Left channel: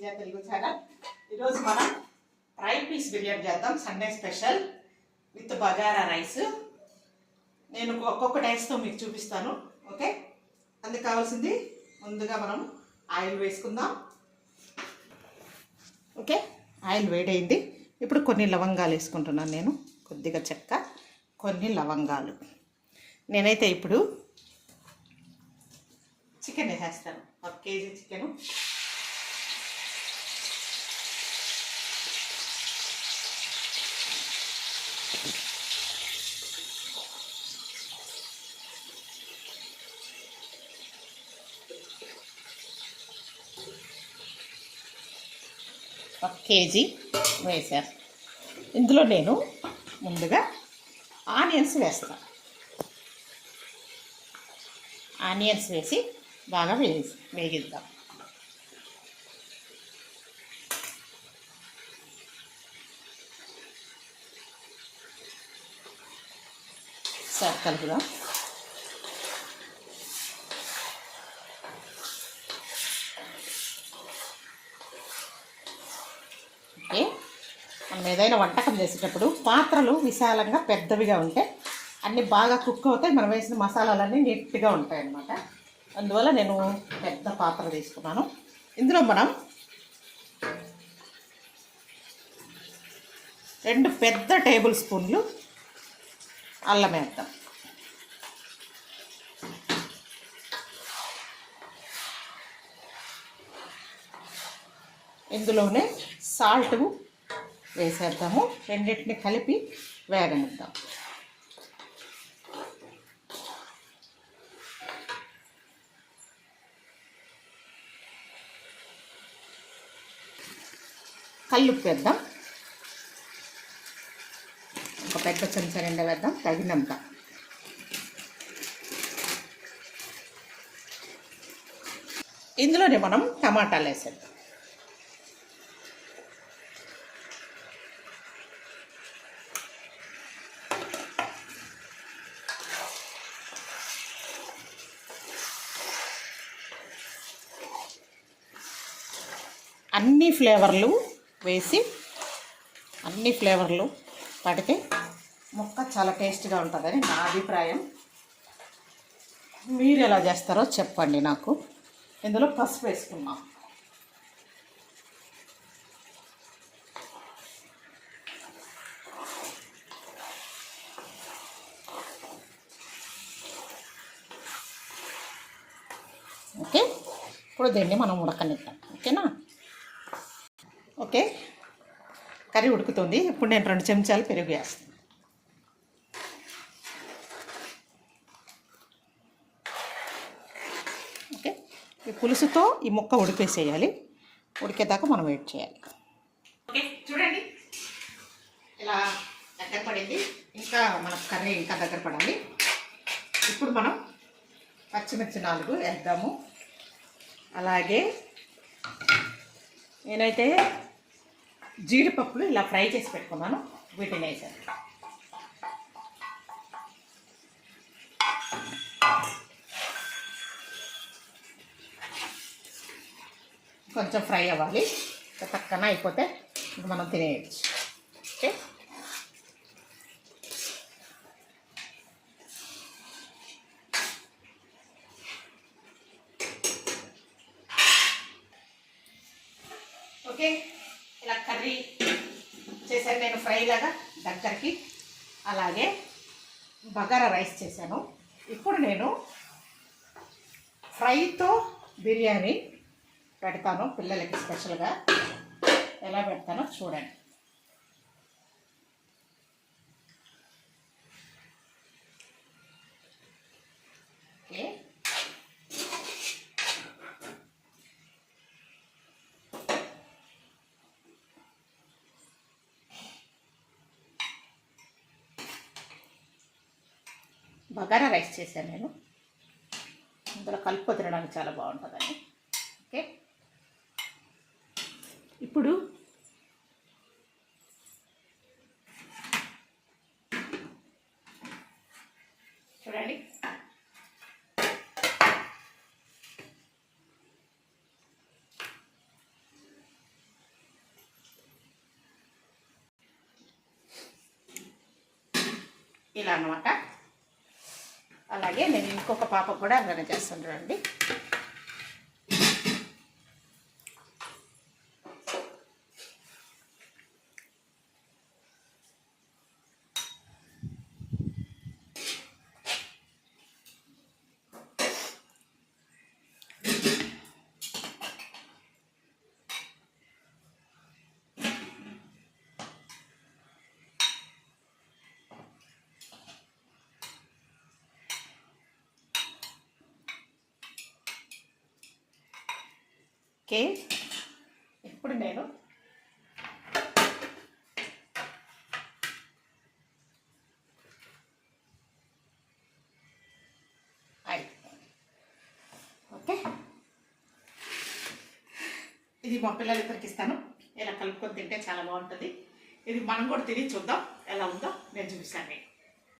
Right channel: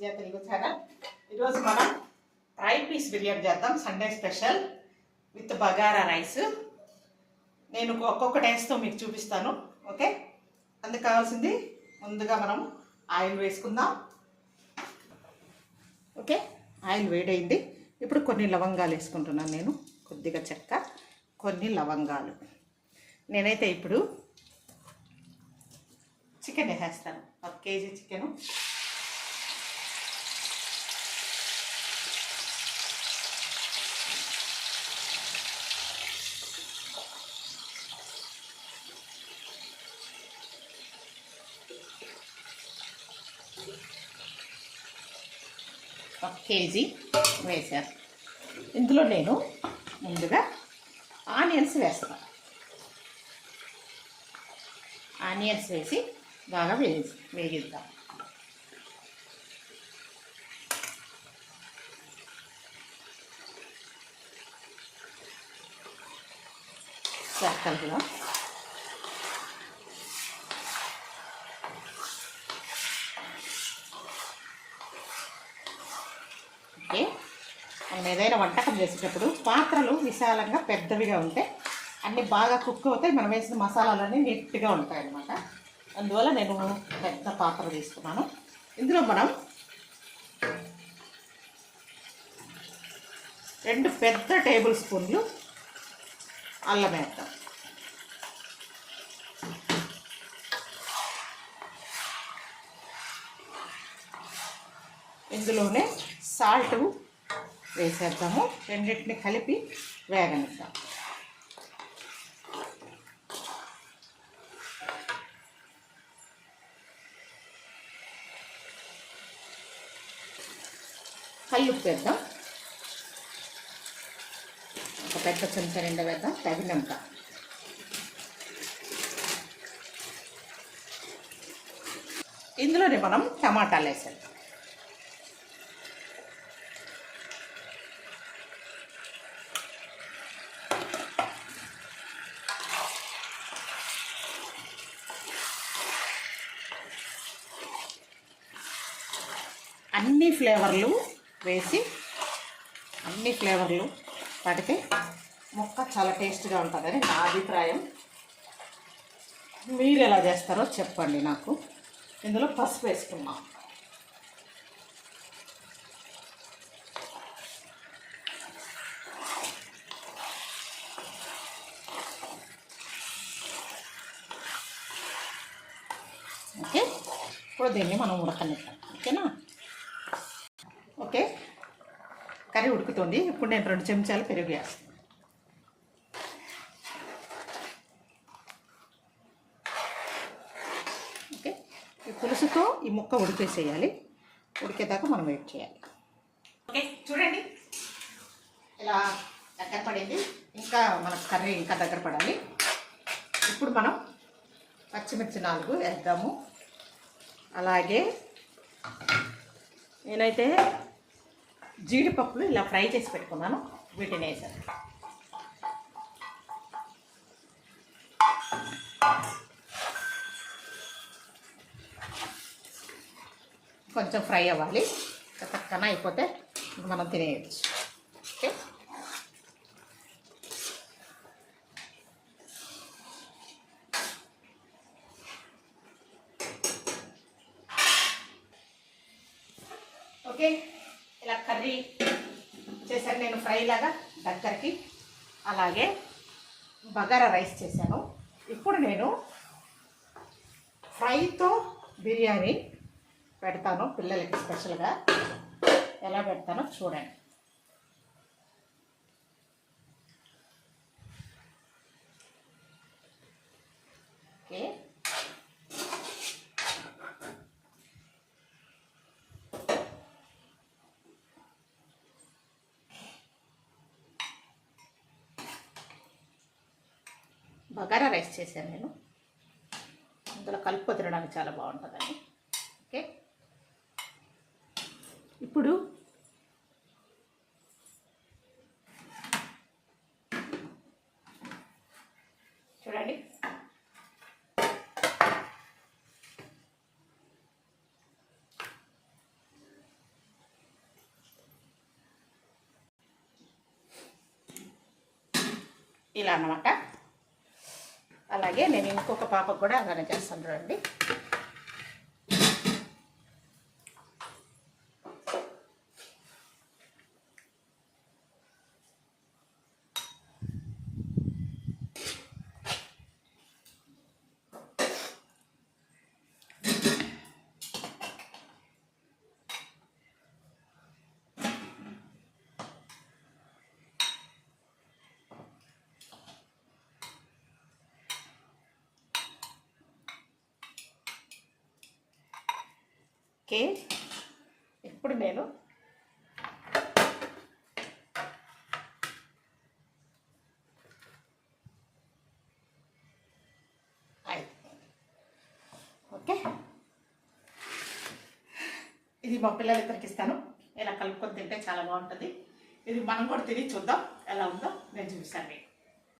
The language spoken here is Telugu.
విజయ తెలుగు ఛానల్ ఈరోజు మనం ఫ్రై పీస్ బిర్యానీ చేద్దాం. Sunday special with Bagara rice. నేను ఒక్కొక్క టేస్ట్తో మీకు చూపిస్తాను. ఓకే? అందుకు కావాల్సింది ముందుగా మనం ఆయిల్ వేసుకుందాం. ఓకే? ఆయిల్ వేడైంది. ఇప్పుడు కొన్ని లవంగాలు వేసుకుంటున్నాను నేను. కొద్దిగా చెక్క కొన్ని లవంగాలు. నేనైతే ఇప్పుడు చికెన్ వేసేస్తాను. ఒక కేజీ చికెను. ఒక కేజీ వేసాను ఇందులో నేను ముందుగా ఆనియన్స్ వేస్తాను. ఆనియన్స్ వేసి బాగా వేగి వేగిద్దాం. సార్ ఓకే మనం ఏదైనా వంటకం చేసేటప్పుడు పాత్రలు విశాలంగా పెద్దవిగా ఉంటే అన్నీ బాగా కుక్ అవుతాయి. మనం వేసిన మసాలాలన్నీ నీట్గా ఉంటాయి అన్నమాట అందువల్ల నేను పెద్ద పాత్ర తీసుకున్నాను. ఇందులో మనం రెండు పెద్ద టేబుల్ స్పూన్లు అల్లం వేద్దాం. ఇందులోనే సాల్ట్ వేసేద్దాము. రెండింటిని కలిపి వేగనిద్దాం. కల్లుప్పు వేద్దాం ఒక పెద్ద చెంచా నిండా వేద్దాం తగినంత. ఇందులోనే మనం టమాటాలు వేసేద్దాం. అన్ని ఫ్లేవర్లు వేసి అన్ని ఫ్లేవర్లు పడితే ముక్క చాలా టేస్ట్గా ఉంటుందని నా అభిప్రాయం. మీరు ఎలా చేస్తారో చెప్పండి నాకు. ఇందులో పసుపు వేసుకున్నాం ఓకే? ఇప్పుడు దీన్ని మనం ఉడకనిద్దాం ఓకేనా ఓకే కర్రీ ఉడుకుతుంది. ఇప్పుడు నేను రెండు చెంచాలు పెరుగు వేస్తాను ఓకే? ఈ పులుసుతో ఈ ముక్క ఉడికేసేయాలి. ఉడికేదాకా మనం వెయిట్ చేయాలి. ఓకే చూడండి. ఇలా దగ్గర పడింది. ఇంకా మన కర్రీ ఇంకా దగ్గర పడాలి. ఇప్పుడు మనం పచ్చిమిర్చి నాలుగు వేద్దాము. అలాగే నేనైతే జీడిపప్పులు ఇలా ఫ్రై చేసి పెట్టుకున్నాను. వీటిని వేసాను. కొంచెం ఫ్రై అవ్వాలి. పక్కన అయిపోతే మనం తినేయచ్చు. ఓకే? ఓకే? ఇలా కర్రీ చేశాను నేను ఫ్రై లాగా దగ్గరికి. అలాగే బగారా రైస్ చేశాను. ఇప్పుడు నేను ఫ్రైతో బిర్యానీ పెడతాను పిల్లలకి స్పెషల్గా. ఎలా పెడతానో చూడండి. బగారా రైస్ చేశాను నేను. ఇందులో కలుపు తినడానికి చాలా బాగుంటుందండి. ఓకే. ఇప్పుడు చూడండి. ఇలా అన్నమాట. అలాగే నేను ఇంకొక పాపకు కూడా అలానే చేస్తాను చూడండి. ఓకే. ఇప్పుడు నేను ఓకే. ఇది మా ఇక్కడికి ఇస్తాను. ఇలా కలుపుకొని తింటే చాలా బాగుంటుంది. ఇది మనం కూడా తిని చూద్దాం. ఎలా ఉందో నేను చూపిస్తాను మీకు.